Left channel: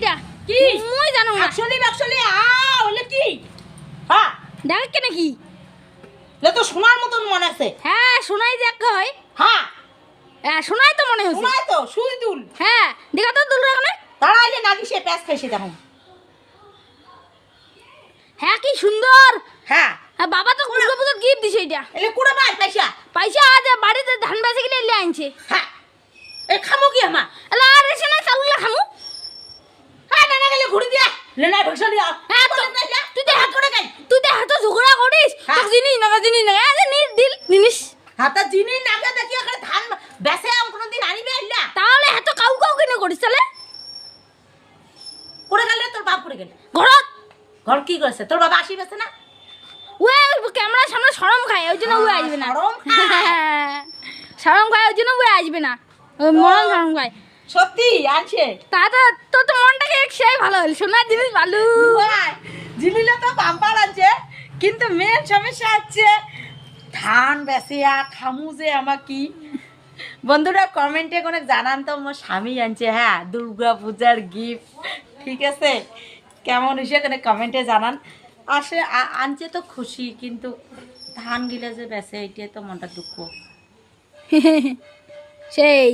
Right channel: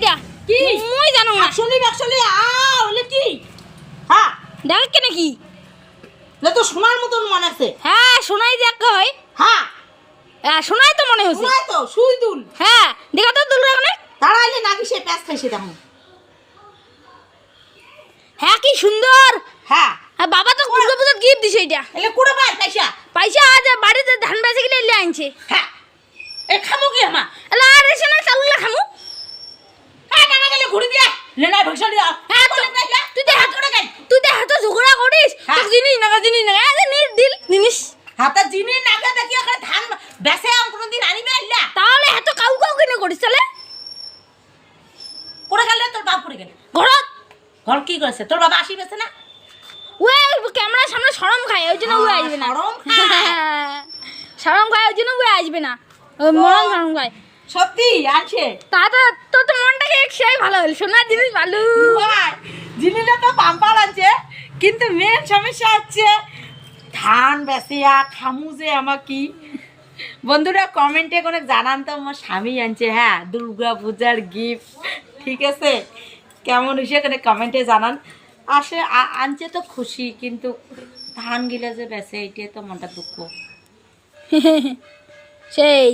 এইটা কি মই জানো না আসলে হলে কি হ্যাঁ দেখ কেন কি না তো সোনার মতন মনে আছে হ্যাঁ শোনাই দেখ হয় হ্যাঁ হ্যাঁ শোনাই তো মনে হচ্ছে শোনায় তো সুই দুল হ্যাঁ দেখা তো দুল এখানে তারা আইলে নাকি সে প্যাঁচ খাইছে তখন হ্যাঁ কি সুন্দর হ্যাঁ হ্যাঁ বাবা তো দুর্গা পূজার গিফট দিছে এটা এলে কুড়া পাই পয়সা পয়সা আজ বাড়িতে ধান বেচে কিনে এলে আনছে হ্যাঁ এ খামু কি আমা এলা আর এসে না চালুলে খামু হ্যাঁ না গেলে ঘুরে দিয়া লেনা ভক্সা দিয়া হ্যাঁ তো তুই তো হাত করে গাই তুই তো হাত ঝগড়া করিস হ্যাঁ। তো জিনিস না আরে নির দিল জিনিস হাতা জিনি নাগে দেখি ওখানে ধান বেসে আম কোনদিন আনিবে আইলা তাহলে এত কাউ কিনে করিস তাহলে করে গেলে তোর বাপ করে গেলে ঘরত ঘর কি করেছে তোর বাবা আসিবেছে না ওই ক্যামেরার সামনে শরম খায় ওই জন্য ওই আসবে না শরম খায়। শরম খায় ওই জন্য ওই আসবে না ওই মরম শরম খায় সত্যি আছে তাতে তোর তো মনটাকে সেই ভালো হল সোনার জিনিস ভালো ভাই জিনিসটা তো পাম্পার আছে কিন্তু মেন সমস্যা হচ্ছে ধান বেসিয়া খামু যে আমার কি বন্ধুরা কমেন্টে কোনো জানান তো আমার স্বামী আনছে হ্যাঁ দুর্গা পূজার গিফট ঠিক আছে কেমন হয়েছে এখানে কমেন্টে জানান আসে আনছে তো খুশি কিন্তু ধান গিলা যে বেসে এইটাই তো মনটা দুঃখ সেই